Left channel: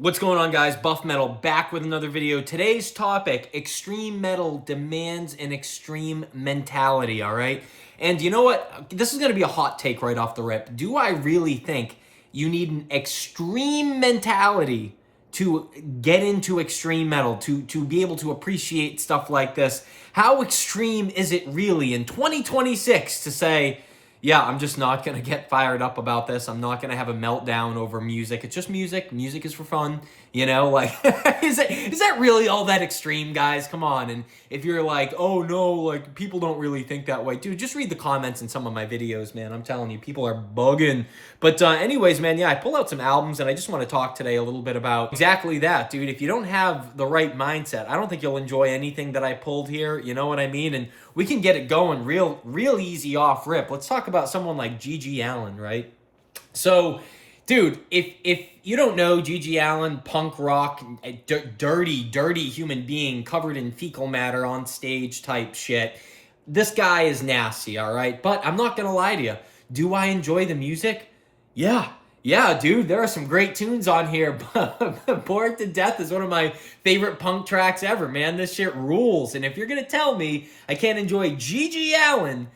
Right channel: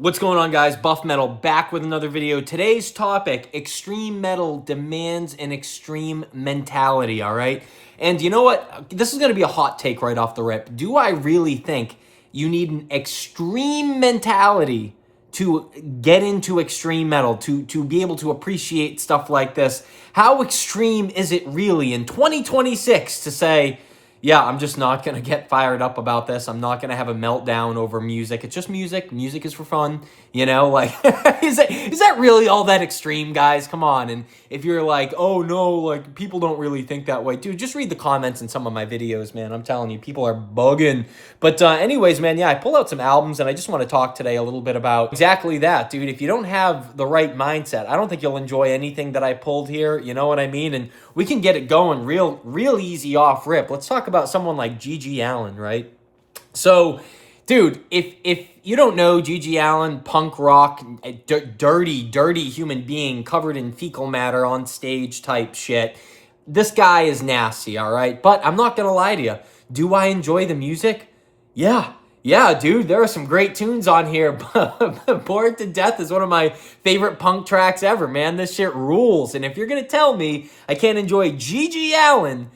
What's going on, guys? Buff Metal back with another video. Today's topic, extreme metal demands an extreme mentality, all right? And you know what? This is going to be a hot take right off the rip. Do I really think you need an extreme mentality to get into extreme metal, to be able to appreciate stuff like this? How extreme is it really in 2026 to say, yeah, I'm just not going to get fired up about this. I'm not going to have a meltdown over music. It's just music. Music is for fun. You know, like, is that really all that extreme, guys? Come on. And if you're like, oh, no, like, people don't really think that way. Dude, just read the comments in some of my videos, man. I'm telling you, people are bugging. But anyways, man, yeah, I pulled out some albums, and I just want to talk today a little bit about exactly that, dude. If you don't have the right mindset, I don't think you'll enjoy anything that I pulled here. You know what I mean? And we can get it going real easy off rip. Let's talk about someone like G.G. Allin, right? So, dude, if you don't know G.G. Allin, punk rock, dirty human being covered in fecal matter on stage type shit, this guy is nasty, all right? But I'm not going to lie to you. Do I enjoy the music? Yeah, dude, there are some great tunes on here. Bored to Death is one of my favorite punk tracks ever, man. This shit rules. And if you're going to tell me I can't enjoy G.G. Allin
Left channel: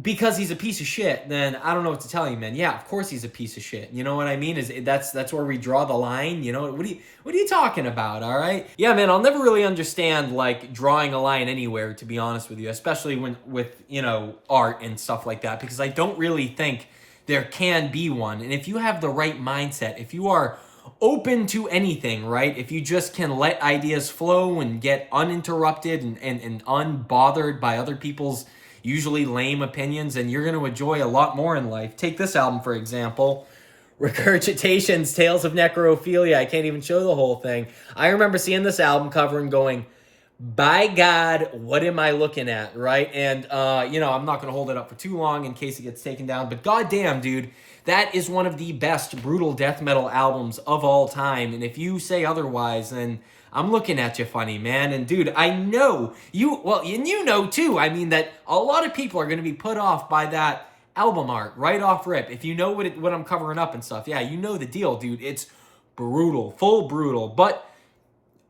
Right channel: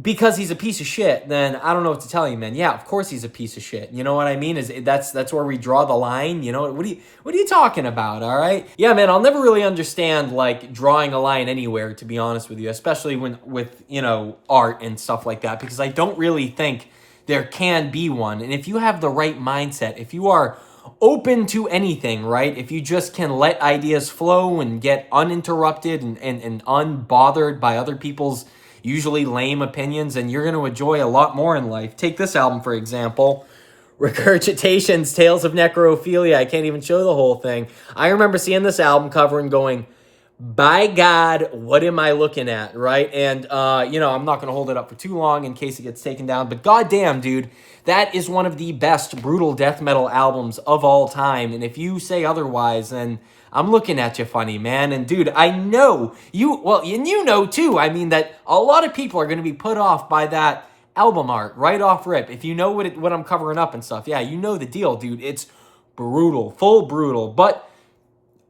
because he's a piece of shit, then I don't know what to tell you, man. Yeah, of course he's a piece of shit. You know what I mean? That's where we draw the line. You know, what are you talking about, all right? Yeah, man, I'll never really understand, like, drawing a line anywhere, to be honest with you, especially with, you know, art and stuff like that, because I don't really think there can be one. And if you have the right mindset, if you are open to anything, right? If you just can let ideas flow and get uninterrupted and unbothered by other people's usually lame opinions, and you're going to enjoy a lot more in life. Take this album, for example. Regurgitations, Tales of Necrophilia. I can't even show the whole thing. I remember seeing this album cover and going, by God, what am I looking at, right? And, you know, I'm not going to hold it up for too long in case it gets taken down, but goddamn, dude, that is one of the best brutal death metal albums of all time, and if you say otherwise, then I'm looking at you funny, man. And, dude, I know you, well, and you know, too, I mean, that a lot of people are going to be put off by that album art right off rip. If you know what I'm covering up and stuff, yeah, you know the deal, dude. It's brutal, full brutal, but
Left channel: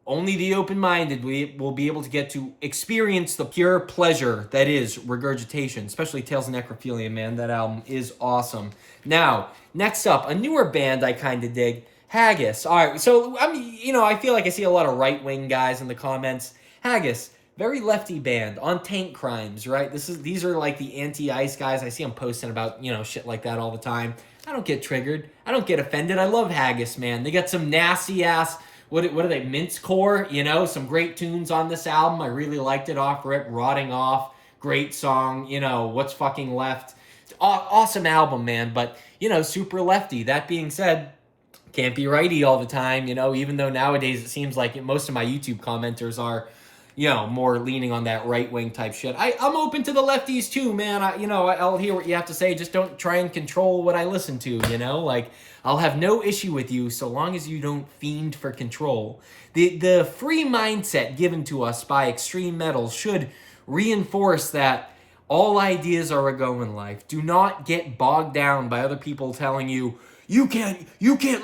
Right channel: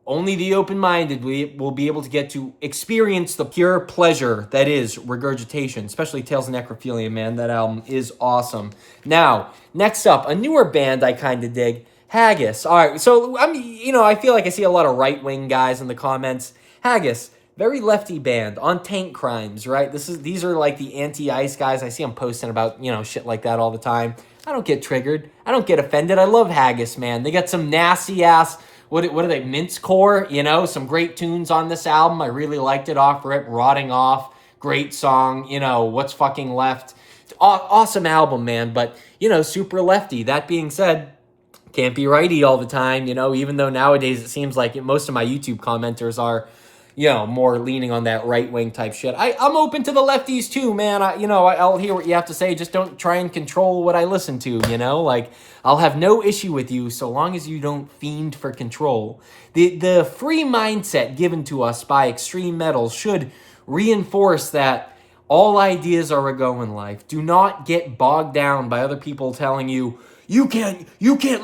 only the open-minded will be able to get to experience the pure pleasure that is Regurgitation, especially Tales of Necrophilia, man. That album is awesome. Now, next up, a newer band I kind of dig, Haggis. All right, so I feel like I see a lot of right-wing guys in the comments. Haggis, very lefty band on Tank Crimes, right? These are like the anti-ice guys. I see them posting about, you know, shit like that all the time. I don't get triggered. I don't get offended. I love Haggis, man. They got some nasty-ass, what are they, mincecore? You know, some great tunes on this album. I really liked it off rip. Rotting Off, great song. You know, What's Fucking Left. Awesome album, man. But, you know, super lefty. That being said, can't be righty all the time, you know, even though nowadays it seems like most of my YouTube commenters are, you know, more leaning on that right-wing type shit. I'm open to the lefties too, man. I'll hear what you have to say. Just don't try and control what I listen to, you know? Like, I'll have no issue with you so long as you don't fiend for control. The free mindset given to us by extreme metal should reinforce that all ideas are a go in life. Do not get bogged down by other people telling you, you can't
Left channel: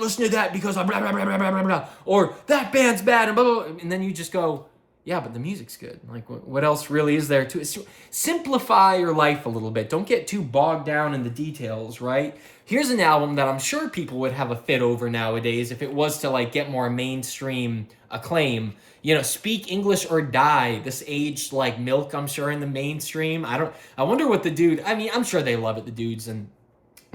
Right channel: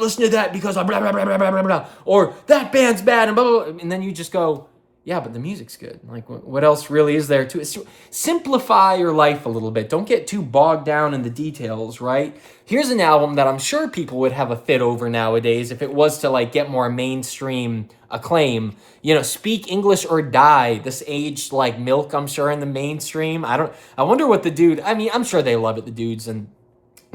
listen to that because of blah, blah, blah, blah, blah, blah, blah, or that band's bad, and blah, blah, blah. And then you just go, yeah, but the music's good. Like, what else really is there to it? Simplify your life a little bit. Don't get too bogged down in the details, right? Here's an album that I'm sure people would have a fit over nowadays if it was to, like, get more mainstream acclaim. You know, Speak English or Die. This aged like milk, I'm sure, in the mainstream. I wonder what the dude, I mean, I'm sure they love it, the dudes and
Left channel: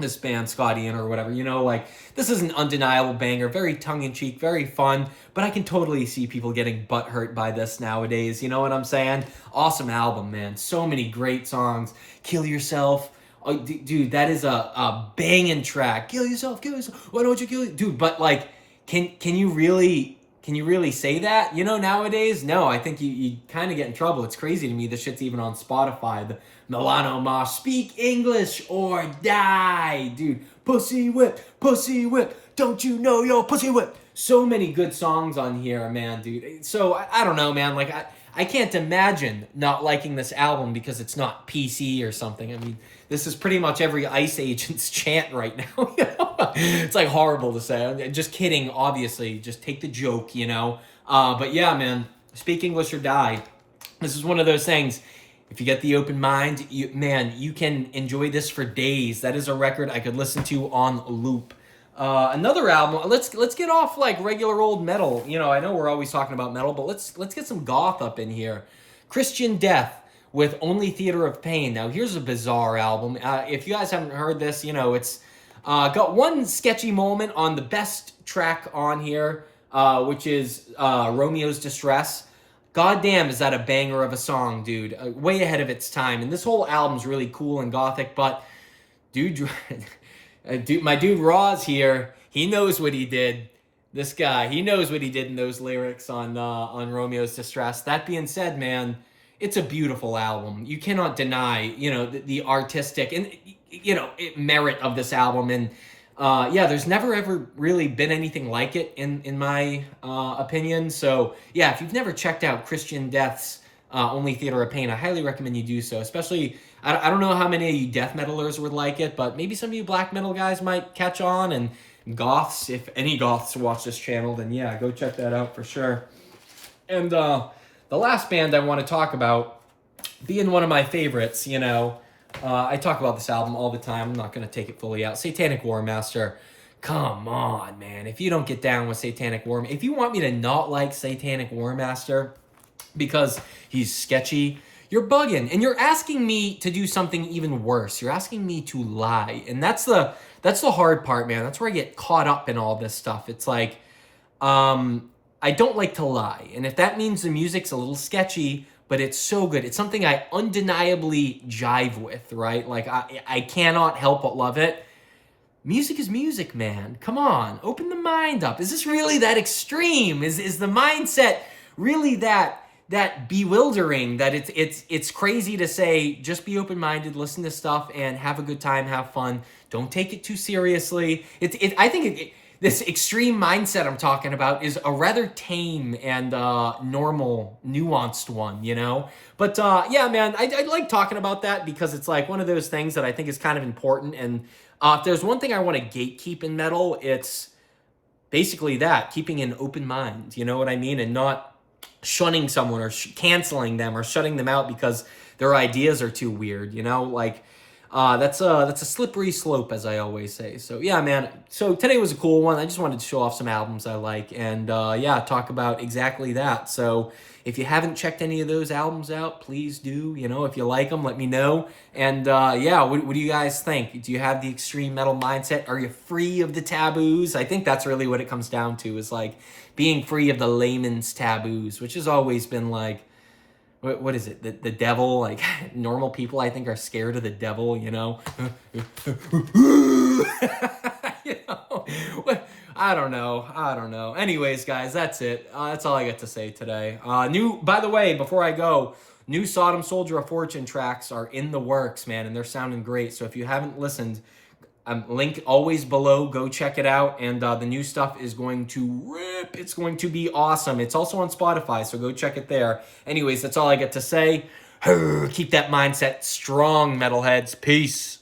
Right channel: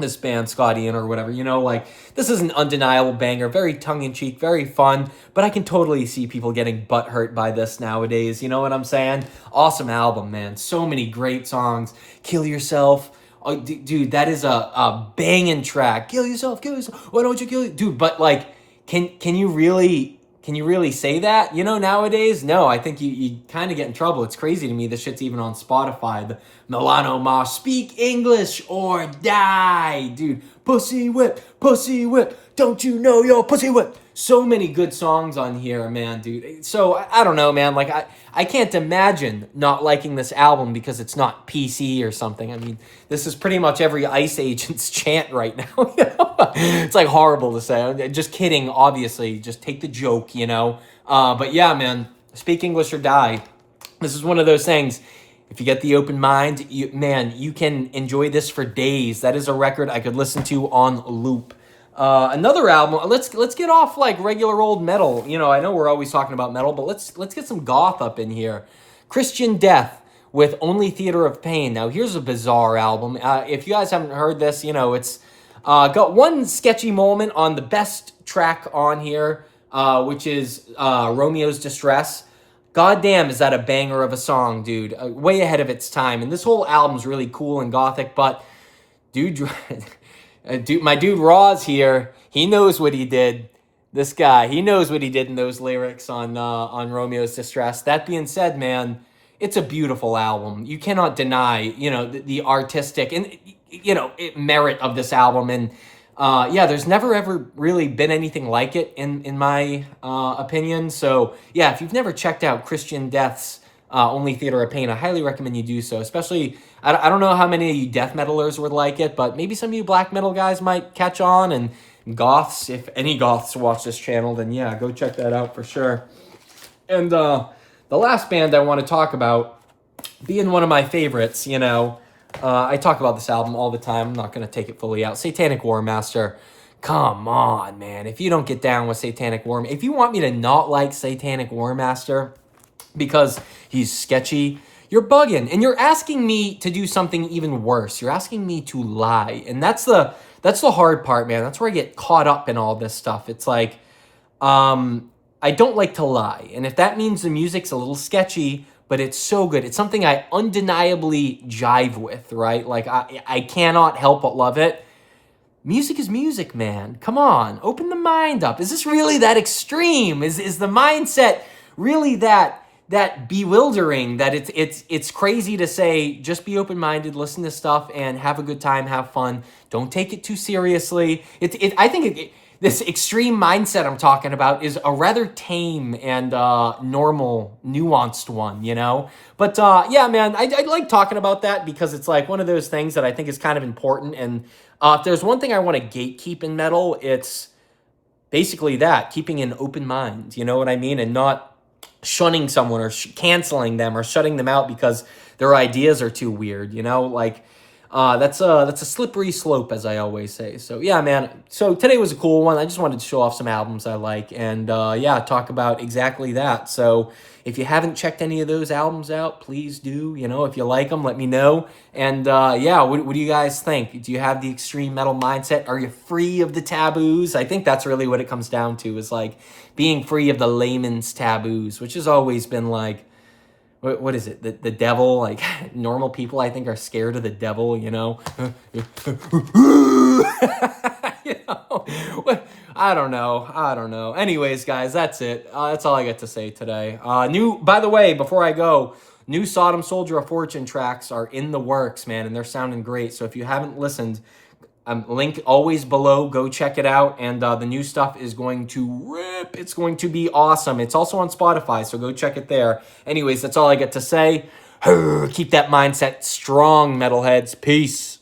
this band, Scott Ian or whatever, you know, like, this is an undeniable banger, very tongue-in-cheek, very fun, but I can totally see people getting butthurt by this nowadays, you know what I'm saying? Awesome album, man. So many great songs. Kill Yourself. Oh, dude, that is a banging track. Kill yourself, why don't you kill you? Dude, but, like, can you really say that, you know, nowadays? No, I think you kind of get in trouble. It's crazy to me this shit's even on Spotify. The Milano Mosh, Speak English or Die. Dude, pussy whip, don't you know your pussy whip? So many good songs on here, man, dude. So I don't know, man. Like I can't imagine not liking this album because it's not PC or something. I mean, this is pretty much every Ice Agent's chant right now. It's like horrible to say. I'm just kidding, obviously. Just take the joke, you know. But yeah, man. Speak English or die. This is one of those things. If you get the open mind, you can enjoy this for days. That is a record I could listen to on loop. Another album. Let's get off like regular old metal. You know, I know we're always talking about metal, but let's get some goth up in here. Christian Death with Only Theater of Pain. Now here's a bizarre album. If you guys haven't heard this, you know it's got one sketchy moment on the best track on here, which is Romeo's Distress. Goddamn, is that a banger of a song, dude? Way ahead of its time. And this whole album's really cool and gothic, but dude, my dude Roz here, he knows what he did. This guy, he knows what he did in those lyrics on Romeo's Distress. That being said, man, it's a beautiful album. You cannot deny, you know, the artistic and you know merit of this album. And yeah, there's never ever really been anything like it in my opinion. So yeah, if you've never checked out Christian Death's Only Theater of Pain, I highly recommend you do so. Especially, I don't know how many of you death metalers would like it, but maybe some of you black metal guys might catch on. And goths, if any goths watch this channel, then yeah, go check that out for sure. And the last band I want to talk about, being one of my favorites, you know. I talk about this album all the time. I'm not going to take it fully out. Satanic War Master. Come on, man. If you don't get down with Satanic War... If you want me to not like Satanic War Master because he's sketchy, you're bugging. And you're asking me to do something even worse. You're asking me to lie. And that's the hard part, man. That's where I get caught up in all this stuff. It's like, I don't like to lie. And if that means the music's a little sketchy... but it's so good. It's something I undeniably jive with, right? Like, I cannot help but love it. Music is music, man. Come on, open the mind up. Is this really that extreme? Is the mindset really that bewildering that it's crazy to say, just be open-minded, listen to stuff, and have a good time, have fun. Don't take it too seriously. I think this extreme mindset I'm talking about is a rather tame and normal, nuanced one, you know? But yeah, man, I like talking about that because it's like one of those things that I think is kind of important. And if there's one thing I want to gatekeep in metal, it's basically that, keeping an open mind, you know what I mean? And not shunning someone or canceling them or shutting them out because their ideas are too weird, you know? Like, that's a slippery slope, as I always say. So yeah, man. So today was a cool one. I just wanted to show off some albums I like and yeah, talk about exactly that. So if you haven't checked any of those albums out, please do. You know, if you like them, let me know. And yeah, what do you guys think? Do you have the extreme metal mindset? Are you free of the taboos? I think that's really what it comes down to, is like being free of the layman's taboos, which has always been like, what is it? The devil? Like, normal people, I think, are scared of the devil, you know? You know? I don't know. Anyways, guys, that's it. That's all I got to say today. By the way, before I go, new Sodom Soldier of Fortune tracks are in the works, man, and they're sounding great. So if you haven't listened, link always below. Go check it out. And the new stuff is going to rip. It's going to be awesome. It's also on Spotify, so go check it there. Anyways, that's all I get to say. Keep that mindset strong, metalheads. Peace.